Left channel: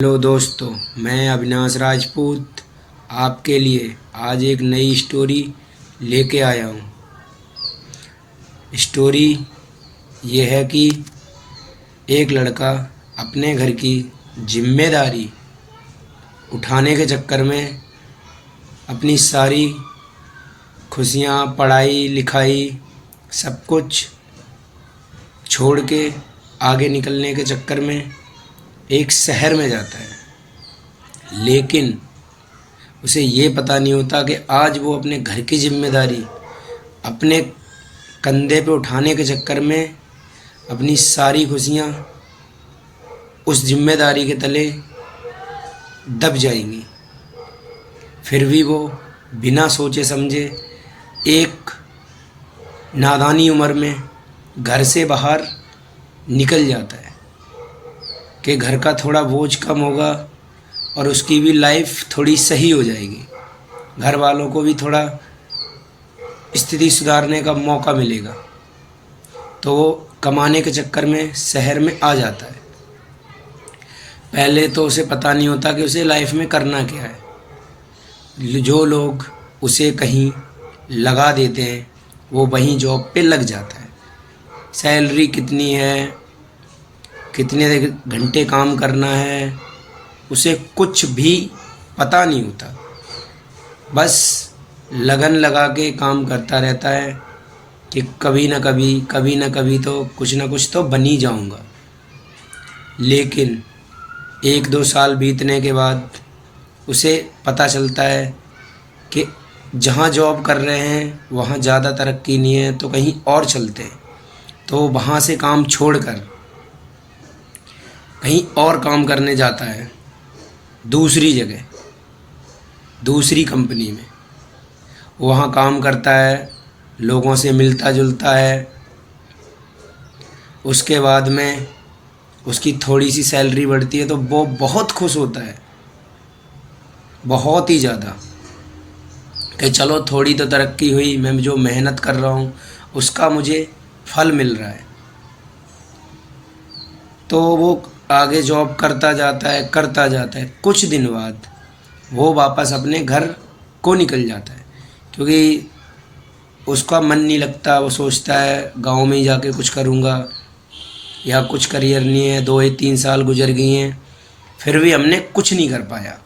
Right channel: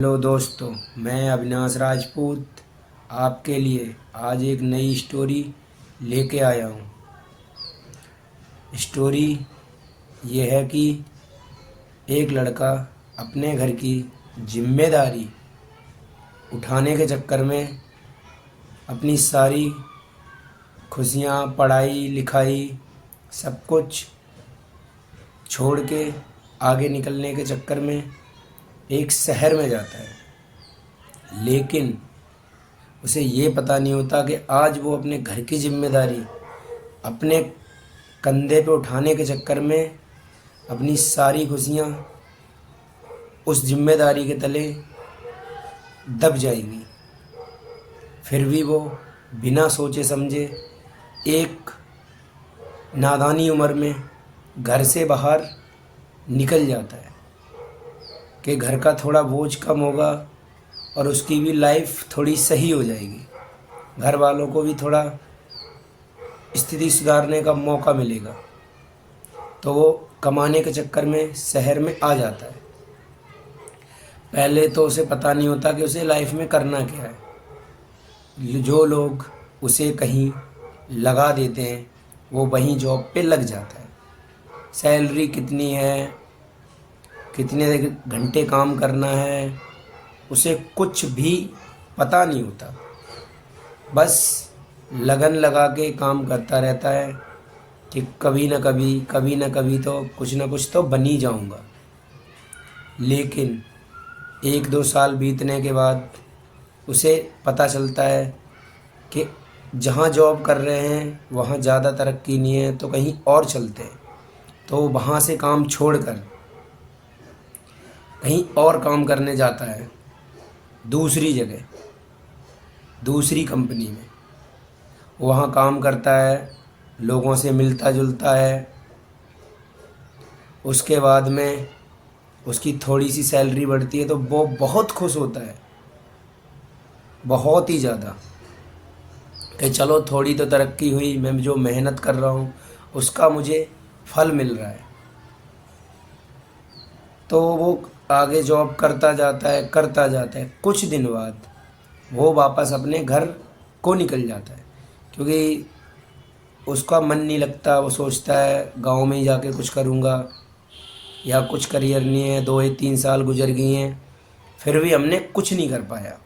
Hello दोस्तों, मैं अविनाश राजपूत आपके लिए आज एक नई स्टोरी लेके आया हूँ। स्टोरी ये है कि एक लड़का अपने घर की जिम्मेदारी उठाने के चक्कर में अपनी सारी खुशियाँ, पढ़ाई लिखाई सब कुछ छोड़ के आगे निकलने के चक्कर में एक शहर में जाता है। लेकिन उसे ये पता नहीं होता कि आज वो अपने घर की जिम्मेदारी अपने कंधे पे उठाने के चक्कर में अपनी सारी खुशियाँ उस जिम्मेदारी के तले दब जाएंगी। फिर भी वो बिना सोचे समझे एक नादानी उम्र में घर से बाहर निकल जाता है कि घर का थोड़ा बोझ कम होगा और उसकी भी लाइफ थोड़ी सही हो जाएगी, घर वालों को भी थोड़ा स्थिति सुधारने का मौका मिलेगा। तो वो कमाने के चक्कर में शहर में आ जाता है। पहले तो उसे पता नहीं होता कि उसे लाइफ में करना क्या है। जो लोग उसे कहीं लगा देते हैं वो वहीं जॉब पे लग जाता है। सैलरी कितनी है, कितने घंटे काम करना है, उसे कुछ भी पता नहीं होता। बस लगन लगा के काम करता रहता है कि कभी ना कभी तो कुछ ना कुछ तो बन ही जाऊंगा। लेकिन 1-2 साल बीतने के बाद उसे पता चलता है कि जहाँ जॉब कर रहे हैं वहाँ ज़्यादा तरक्की नहीं है, तो कहीं और चलते हैं। तो वहाँ से काम छोड़कर कहीं और काम करने जाता है, दूसरी जगह, दूसरी कंपनी में। वहाँ काम करता है, लोगों से मिलता जुलता है। उसके बाद में उसकी थोड़ी सी सैलरी बढ़ती है तो वो बहुत खुश होता है, बहुत ही ज़्यादा, कि चलो थोड़ी तो तरक्की हुई, मैं जो मेहनत कर रहा हूँ उसका मुझे फल मिल रहा है। तो वो आगे जॉब करता जाता है। कुछ दिन बाद वो वापस अपने घर को निकल जाता है, क्योंकि उसका मन नहीं लगता। वो सोचता है गांव में ही जाके कुछ करूँगा, या कुछ करियर नहीं है। 2-3 साल गुजर गई हैं, फिर भी हमने कुछ नहीं कर पाया।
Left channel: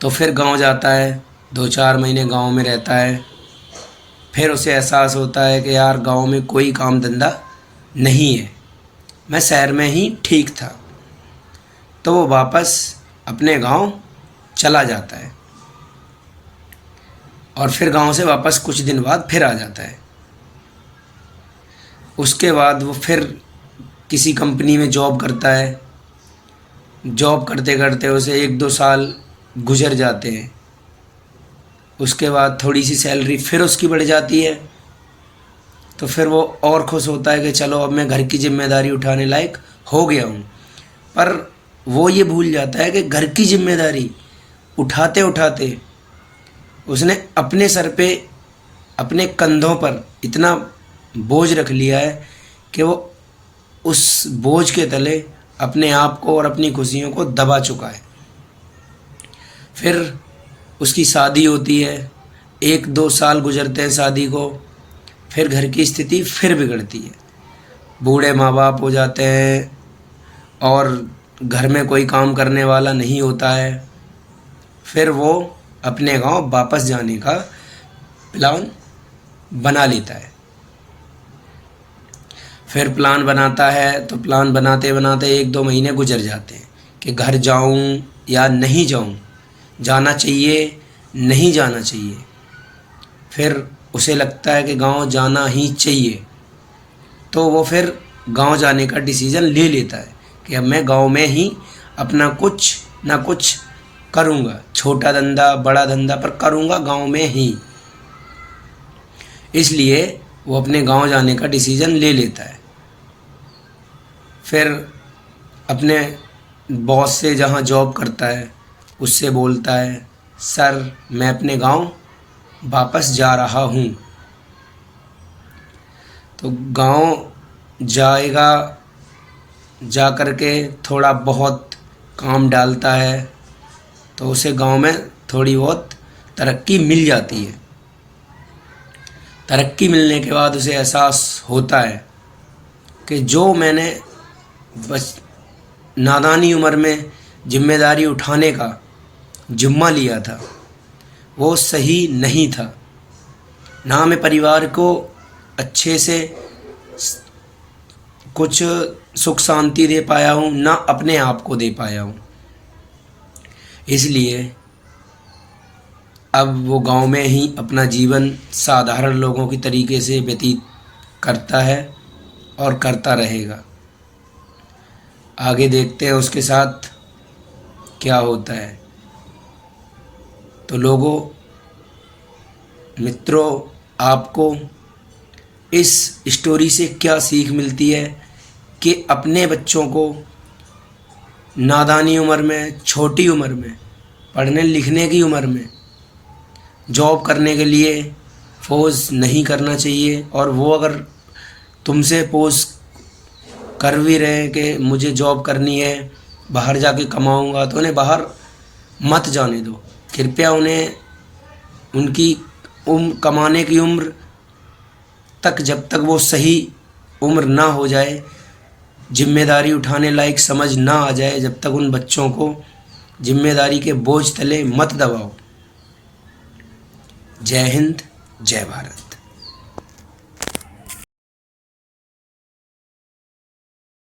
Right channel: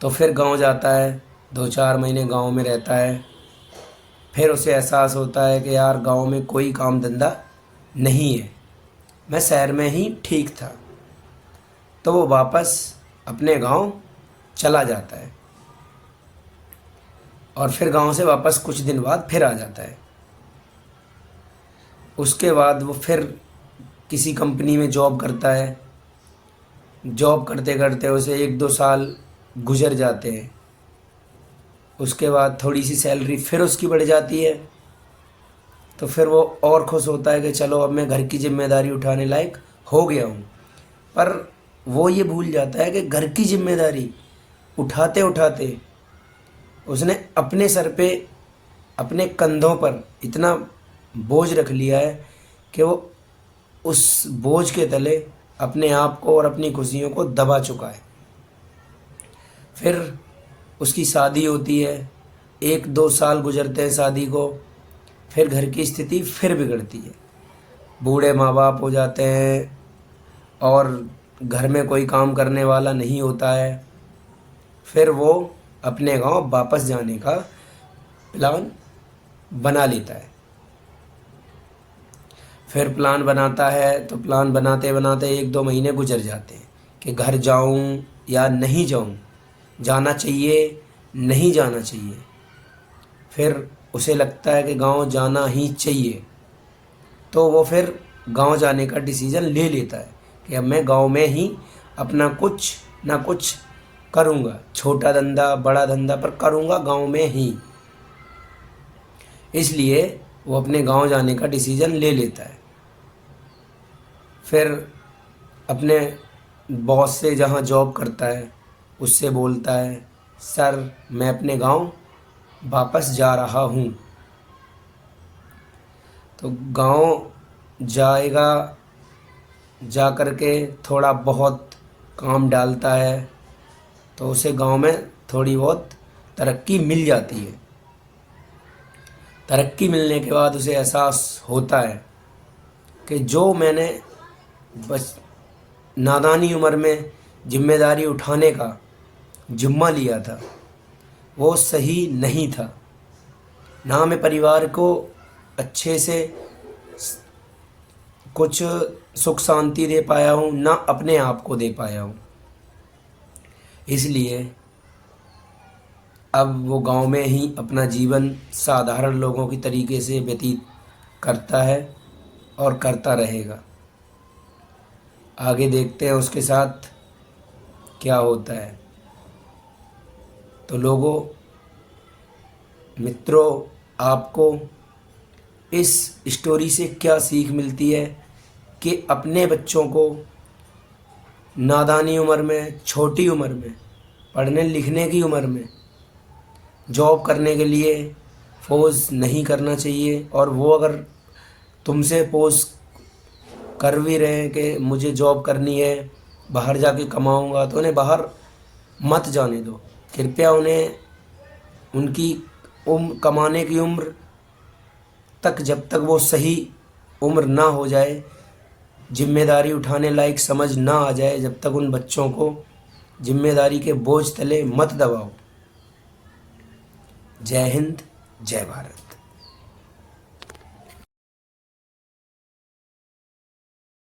तो फिर गांव जाता है, 2-4 महीने गांव में रहता है। फिर उसे एहसास होता है कि यार गांव में कोई काम धंधा नहीं है, मैं शहर में ही ठीक था। तो वो वापस अपने गांव चला जाता है और फिर गांव से वापस कुछ दिन बाद फिर आ जाता है। उसके बाद वो फिर किसी कंपनी में जॉब करता है। जॉब करते करते उसे 1-2 साल गुजर जाते हैं। उसके बाद थोड़ी सी सैलरी फिर उसकी बढ़ जाती है। तो फिर वो और खुश होता है कि चलो अब मैं घर की जिम्मेदारी उठाने लायक हो गया हूँ। पर वो ये भूल जाता है कि घर की जिम्मेदारी उठाते उठाते उसने अपने सर पे, अपने कंधों पर इतना बोझ रख लिया है कि वो उस बोझ के तले अपने आप को और अपनी खुशियों को दबा चुका है। फिर उसकी शादी होती है, 1-2 साल गुजरते हैं शादी को। फिर घर की स्थिति फिर बिगड़ती है, बूढ़े माँ बाप हो जाते हैं और घर में कोई काम करने वाला नहीं होता है। फिर वो अपने गांव वापस जाने का प्लान बना लेता है। फिर प्लान बनाता है तो प्लान बनाते बनाते 1-2 महीने गुजर जाते हैं कि घर जाऊं या नहीं जाऊं, जाना चाहिए नहीं जाना चाहिए। फिर उसे लगता है कि गांव जाना ही चाहिए। तो वो फिर गांव जाने का डिसीज़न ले लेता है कि अब मैं गांव में ही अपना कुछ ना कुछ करूँगा, छोटा धंधा बड़ा धंधा, पर करूँगा गांव में ही। इसलिए वो अपने गांव जाने का डिसीज़न ले लेता है। फिर अपने बॉस से, जहाँ जॉब करता है, उससे बोलता है, सर मैं अपने गांव वापस जा रहा हूँ। तो गांव जाएगा, जा कर के थोड़ा बहुत काम डालता है तो उसे गांव में थोड़ी बहुत तरक्की मिल जाती है। तरक्की मिलने के बाद उसे एहसास होता है कि जो मैंने बस नादानी उम्र में जिम्मेदारी उठाने का जिम्मा लिया था वो सही नहीं था। ना मैं परिवार को अच्छे से कुछ सुख शांति दे पाया हूँ, ना अपने आप को दे पाया हूँ। इसलिए अब वो गांव में ही अपना जीवन साधारण लोगों की तरीके से व्यतीत करता है और करता रहेगा। आगे देखते हैं उसके साथ क्या होता है। तो लोगों, मित्रों, आपको इस स्टोरी से क्या सीख मिलती है कि अपने बच्चों को नादानी उम्र में, छोटी उम्र में, पढ़ने लिखने की उम्र में जॉब करने के लिए फोर्स नहीं करना चाहिए। और वो अगर तुमसे फोर्स कर भी रहे हैं कि मुझे जॉब करनी है, बाहर जाके कमाऊंगा, तो उन्हें बाहर मत जाने दो। कृपया उन्हें उनकी कमाने की उम्र तक, जब तक वो सही उम्र ना हो जाए, जिम्मेदारी उठाने लायक समझ ना आ जाए, जब तक उन बच्चों को जिम्मेदारी के बोझ तले मत दबाओ। जय हिंद, जय भारत।